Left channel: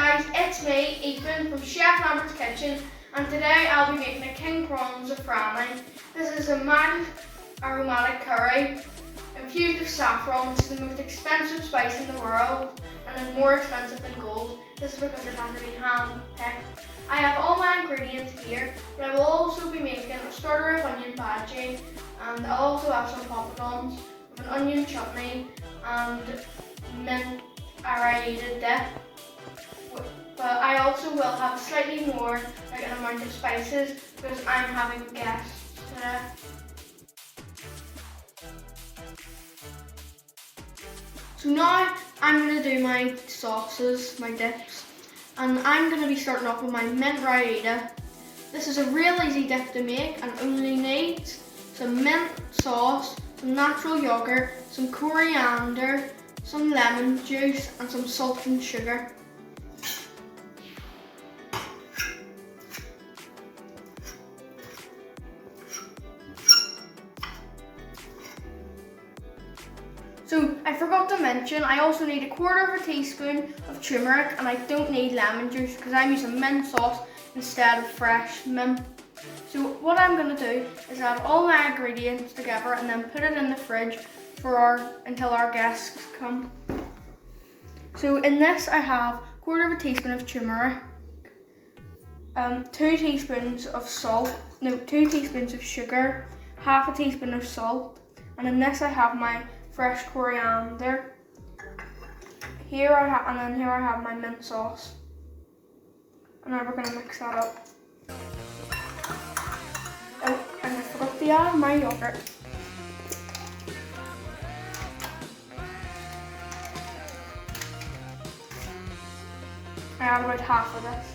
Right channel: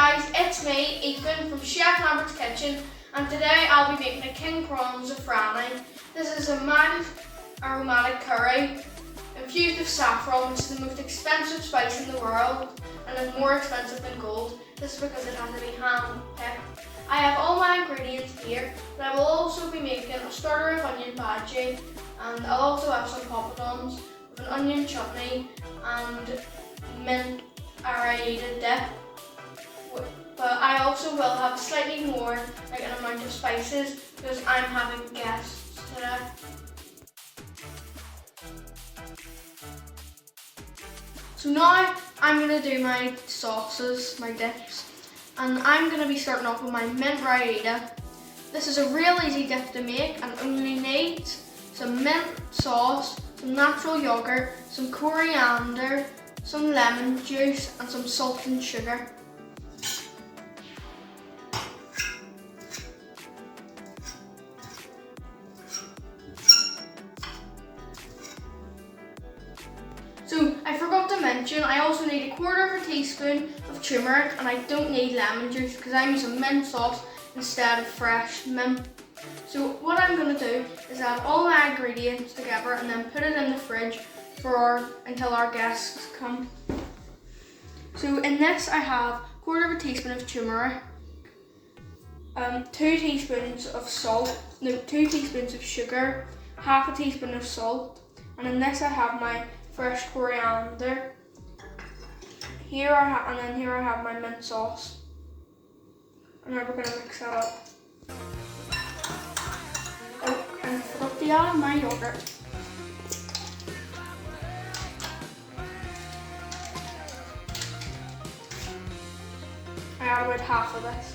guys, it's me, Ethan from Chef Lambert's Kitchen, and today I'll be making a king prawn zafrani. This is a mild aromatic curry infused with saffron, which is the most expensive spice in the world and is more expensive than gold. This is because it has to be hand-picked. I have all my ingredients here, but I will also be making a starter of onion bhaji, and I'll also have some poppadoms with an onion chutney and mint raita dip. But I also will have slightly more, like an amount of spices, because I'm having guests today. So now I'm going to do my sauces, my dips, and I'm going to be starting off with my mint raita. This is a real easy dip to make and only needs some mint sauce, some natural yogurt, some coriander, some lemon juice and some salt and sugar. So I forgot to mention, I also need a quarter of a teaspoon of turmeric, and I don't need lemon juice because I'm using mint sauce instead of fresh mint. So what I'm going to do is add all my ingredients together and then put it in the fridge until our guests come. So in this I have a quarter of a teaspoon of turmeric, 2 teaspoons of sugar, half a teaspoon of salt, and in this I have my fresh coriander. Here I have my mint sauce. And now we're going to mix that up. Oh, and I forgot to add my yogurt. I add about half of this.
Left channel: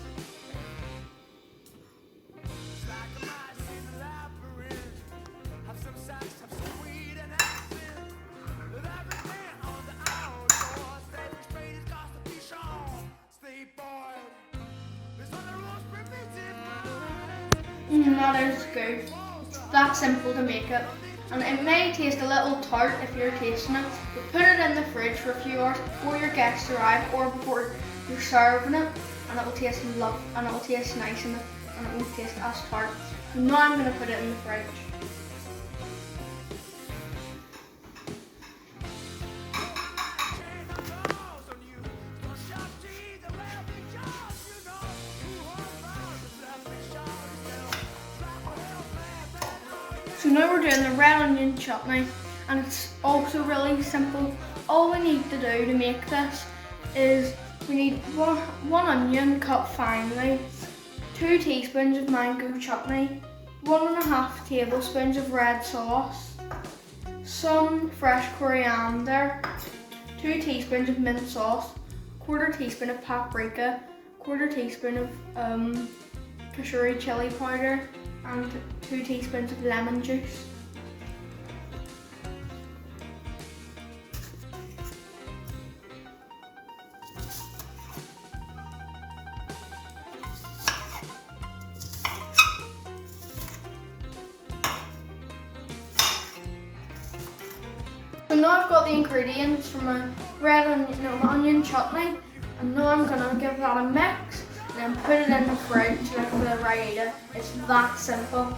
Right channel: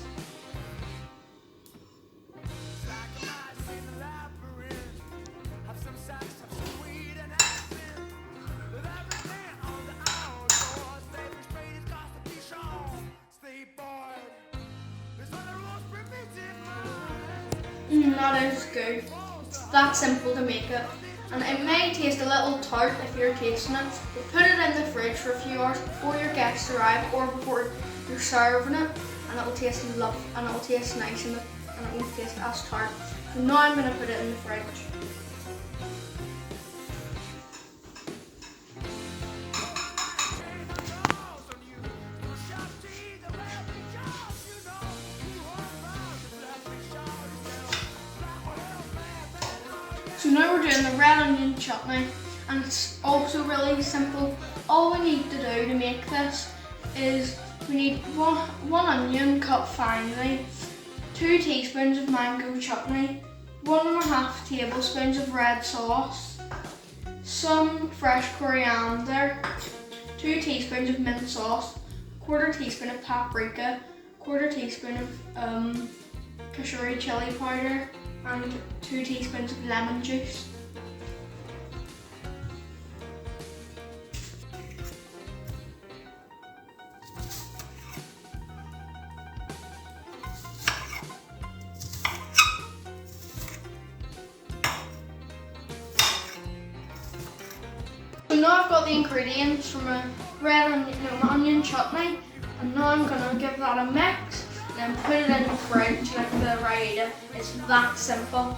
That is good. It's that simple to make it. And it may taste a little tart if you're tasting it, but put it in the fridge for a few hours before your guests arrive or before you're serving it, and it'll taste lovely, and it'll taste nice and it won't taste as tart. So now I'm going to put it in the fridge. So now we're doing the red onion chutney, and it's also really simple. All we need to do to make this is we need one onion cut finely, 2 teaspoons of mango chutney, 1.5 tablespoons of red sauce, some fresh coriander, 2 teaspoons of mint sauce, 1/4 teaspoon of paprika, 1/4 teaspoon of kashuri chili powder, and 2 teaspoons of lemon juice. So now I've got the ingredients from a red onion chutney, and now I'm going to give that a mix. Then put it in the fridge like the raita. It's that simple.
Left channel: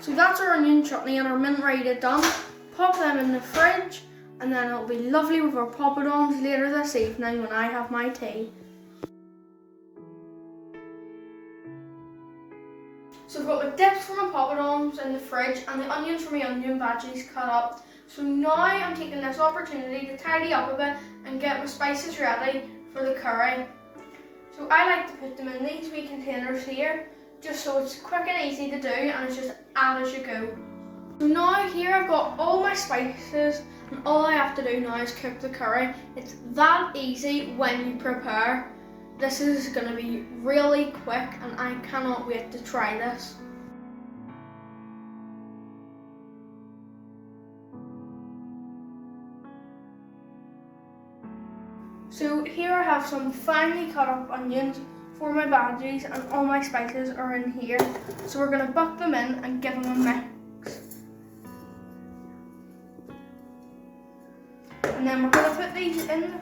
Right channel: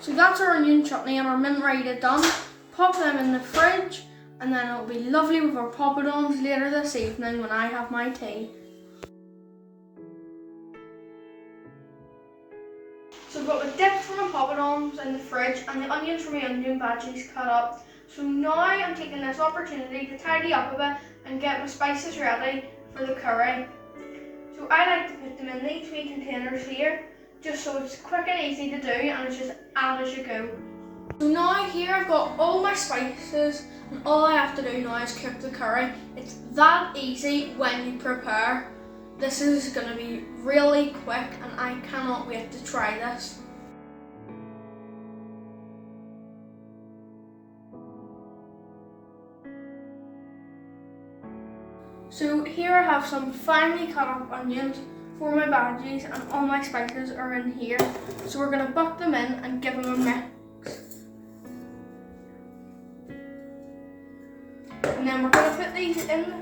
So that's our onion chutney and our mint raita done. Pop them in the fridge, and then it'll be lovely with our poppadoms later this evening when I have my tea. So I've got the dip from my poppadoms in the fridge and the onions from my onion bhajis cut up. So now I'm taking this opportunity to tidy up a bit and get my spices ready for the curry. So I like to put them in these wee containers here, just so it's quick and easy to do, and it's just add as you go. So now here I've got all my spices, and all I have to do now is cook the curry. It's that easy when you prepare. This is going to be really quick, and I cannot wait to try this. So here I have some finely cut up onions for my bhaji's, and all my spices are in here. So we're going to buck them in and give them a mix. And then we're going to put these in the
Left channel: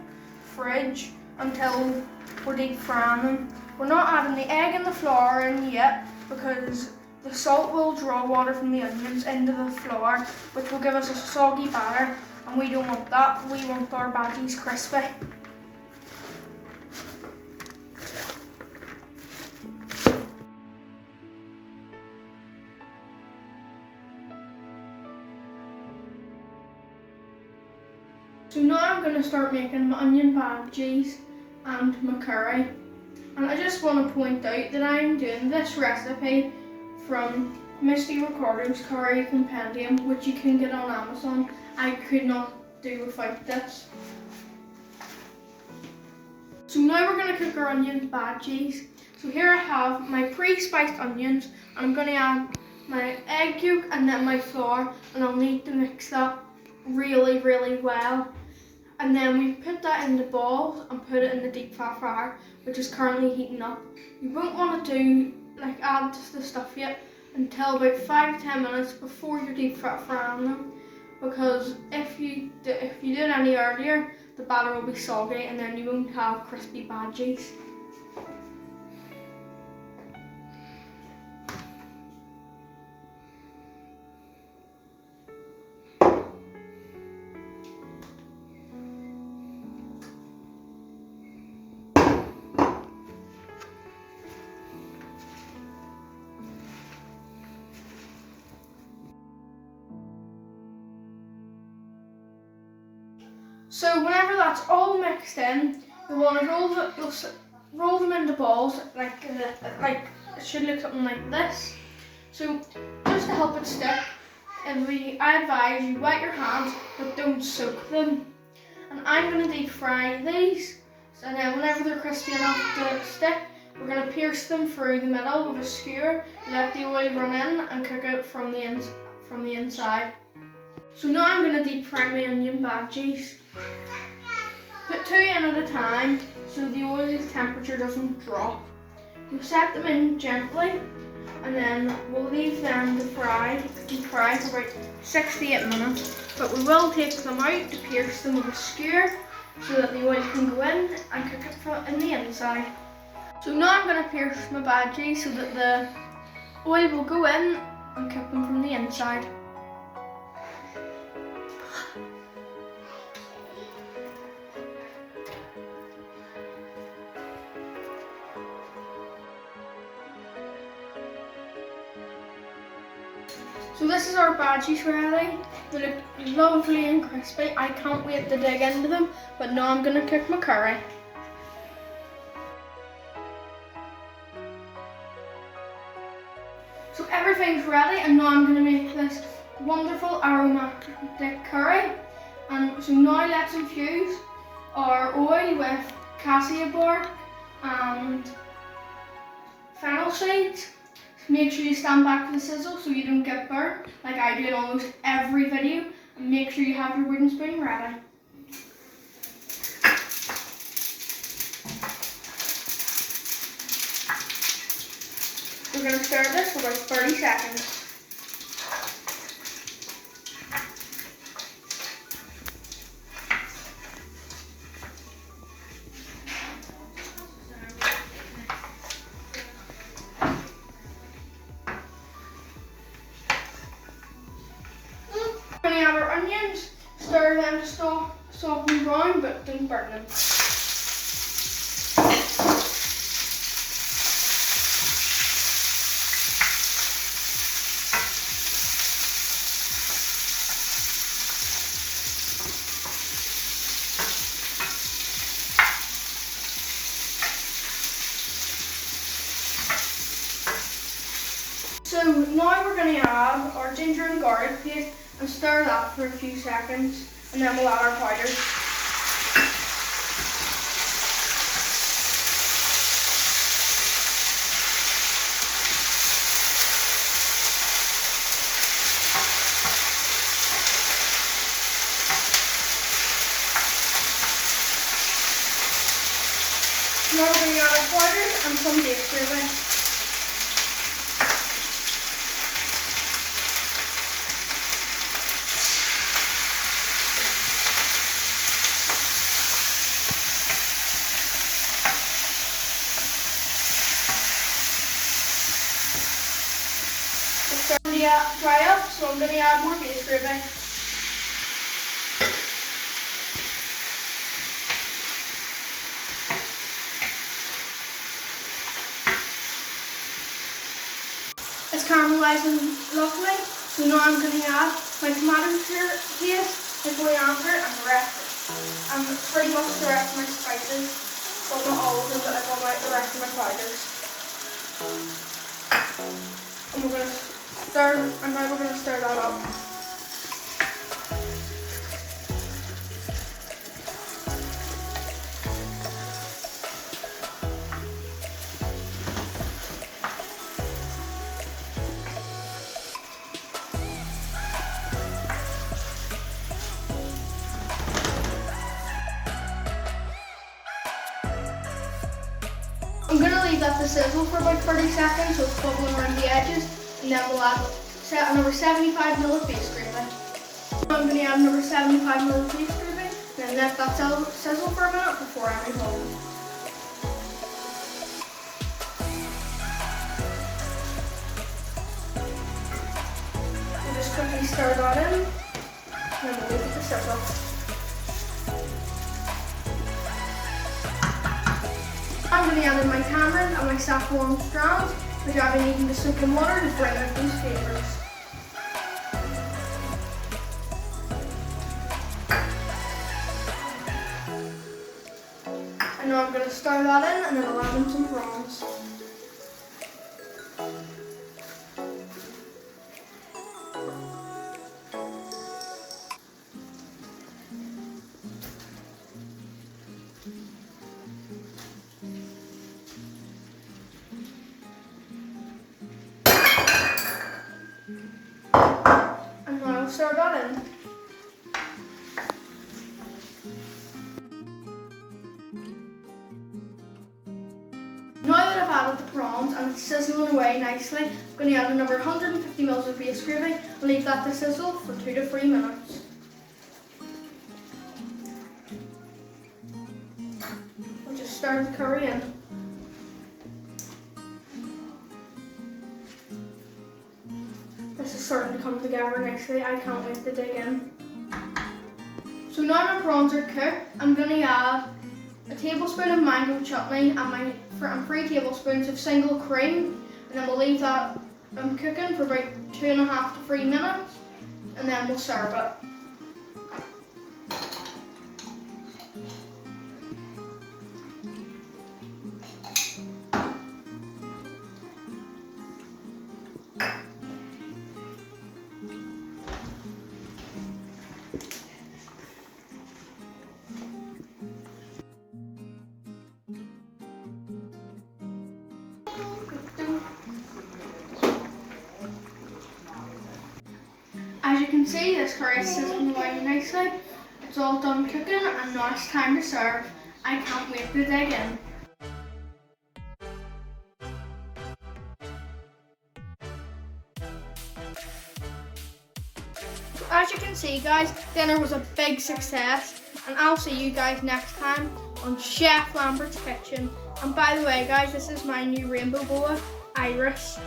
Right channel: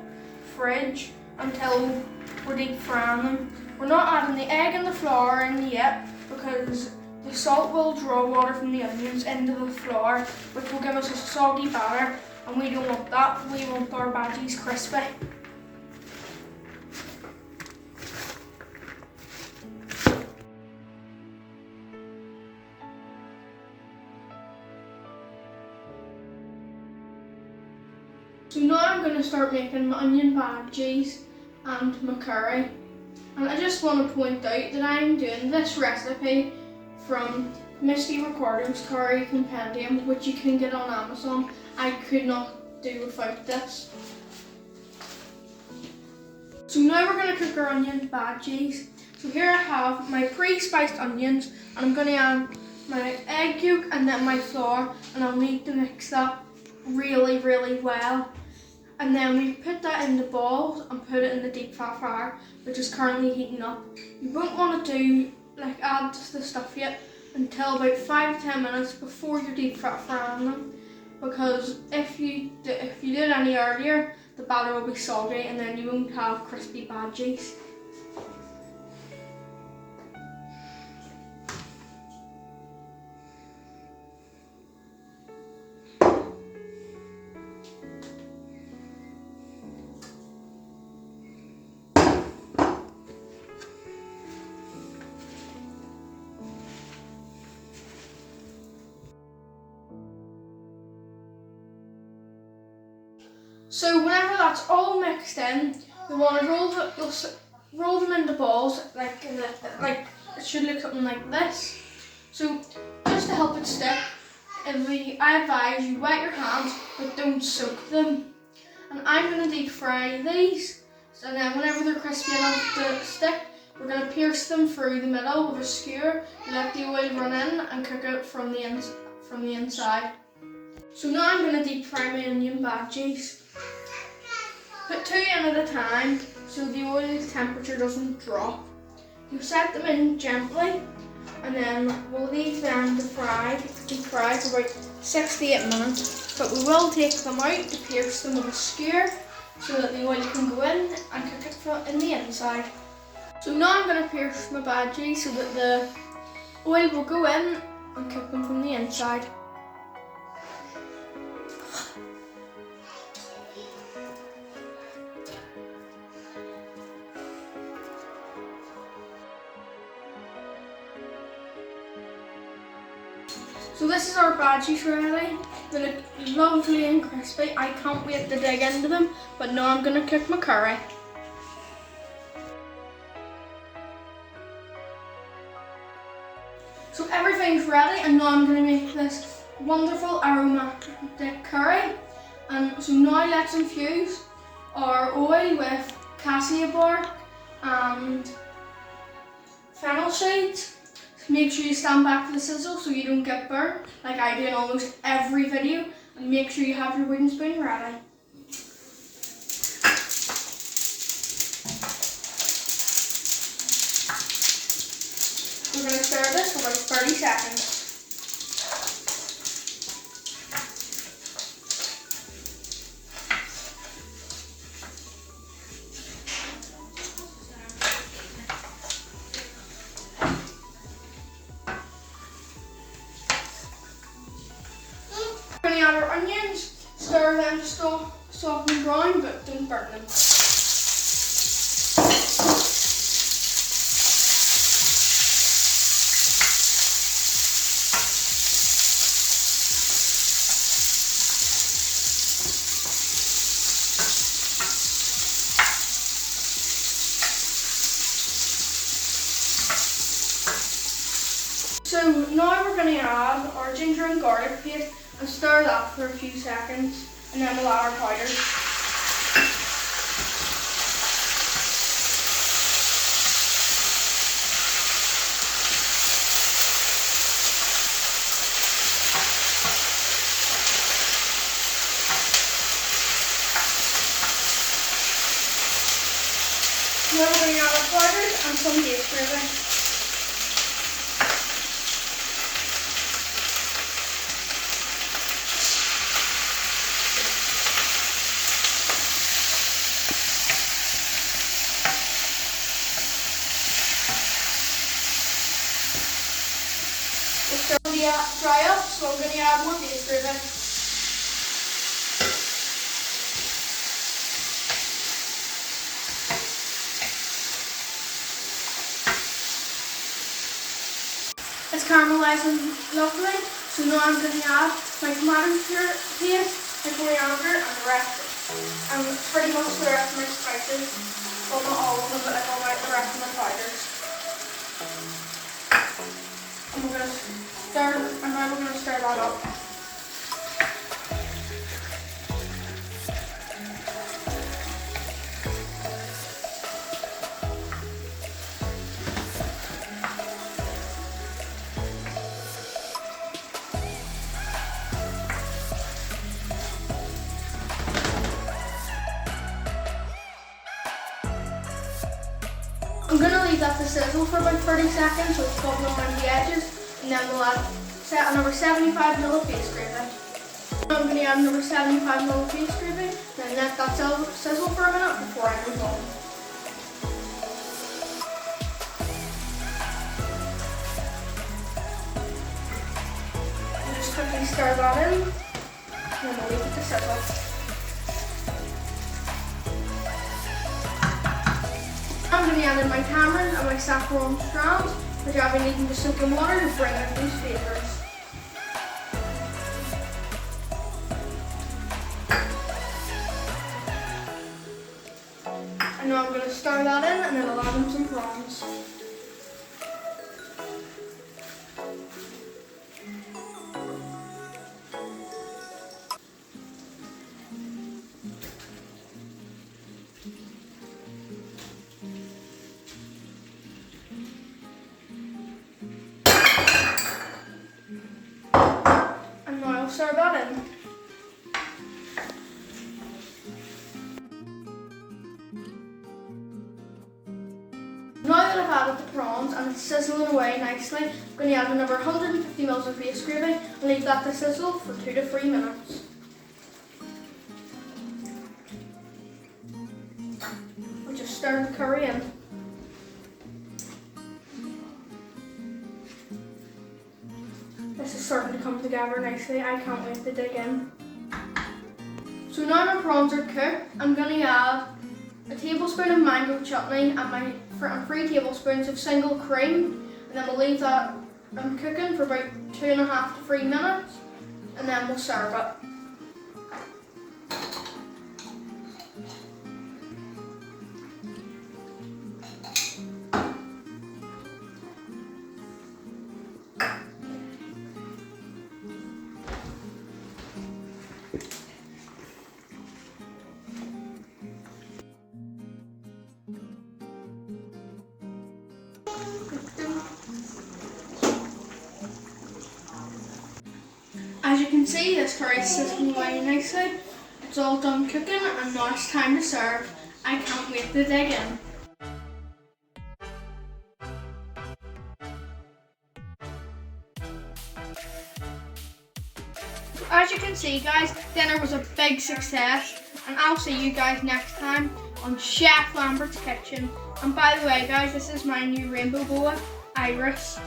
fridge until we're deep frying them. We're not adding the egg and the flour in yet because the salt will draw water from the onions into the flour, which will give us a soggy batter, and we don't want that. We want our bhaji's crispy. So now I'm going to start making my onion bhaji's and my curry. And I just want to point out that I am doing this recipe from Misty Ricardo's Curry Compendium, which you can get on Amazon. I could not do without this. So now we're going to cook our onion bhaji's. So here I have my pre-spiced onions, and I'm going to add my egg yolk and then my flour, and I'll need to mix that really well. And then we put that in the balls and put it in the deep fat fryer, which is currently heating up. You won't want to add the stuff yet until about 5 to 10 minutes before you're deep fat frying them, because if you do it any earlier, the batter will be soggy and then you won't have crispy bhaji's. So whenever that's all mixed in, you want to roll them into balls, it should look something like this. So just to help it stick, I advise you wet your hands, but don't soak them. And I'm going to deep fry these, so then whenever they're crispy enough to stick, we're going to pierce them through the middle with a skewer, let the oil run in and cook it from the inside. So now I'm going to deep fry my onion bhaji's. Put 2 in at a time so the oil's temperature doesn't drop. You set them in gently, and then we'll leave them to deep fry for about 6 to 8 minutes. But we will take them out to pierce them with a skewer so that the oil can go in and cook it in the inside. So now I'm going to pierce my bhaji so that the oil will go in and cook them from the inside. So this is our bhaji's ready. They look lovely and crispy. I can't wait to dig into them, but now I'm going to cook my curry. So everything's ready, and now I'm going to make this wonderful aromatic curry. And so now let's infuse our oil with cassia bark and fennel seeds. Make sure you stand back to the sizzle so you don't get burnt, like I do in almost every video, and make sure you have your wooden spoon ready. We're going to stir this for about 30 seconds. We're going to add our onions, stir them to soft and brown, but don't burn them. So now we're going to add our ginger and garlic paste and stir that for a few seconds, and then we'll add our powders. Now we're going to add our powders and some beef gravy. It's starting to dry up, so I'm going to add more beef gravy. It's caramelising lovely, so now I'm going to add my tomato paste, my coriander, and the rest, and pretty much the rest of my spices. Well, not all of them, but like all the rest of my powders. And we're going to stir, and now we're going to stir that up. I'm going to leave that to sizzle for about 30 seconds so it's bubbling around the edges, and then we'll add another 75 ml of beef gravy. I'm going to add another 75 ml of beef gravy, and then let that sizzle for a minute before I move on. We'll just quickly stir that in, and then we'll leave it to sizzle. I'm going to add in my tamarind and my saffron strands, which I've been needing to soak in water to bring out these flavours. And now I'm going to stir that in, and then I'll add in some prawns. Stir that in. Now that I've added the prawns and it's sizzling away nicely, I'm going to add another 150 ml of beef gravy and leave that to sizzle for 2 to 3 minutes. I'll just stir the curry in. This is starting to come together nicely. I can't wait to dig in. So now my prawns are cooked, I'm going to add a tablespoon of mango chutney and 3 tablespoons of single cream, and then we'll leave that cooking for about 2.5 to 3 minutes, and then we'll serve it. As you can see, this curry is sizzling away nicely. It's all done cooking and now it's time to serve. I can't wait to dig in. As you can see guys, dinner was a big success, and I'll see you guys next time on Chef Lambert's Kitchen. And by the way guys, this is my new rainbow boa, Iris.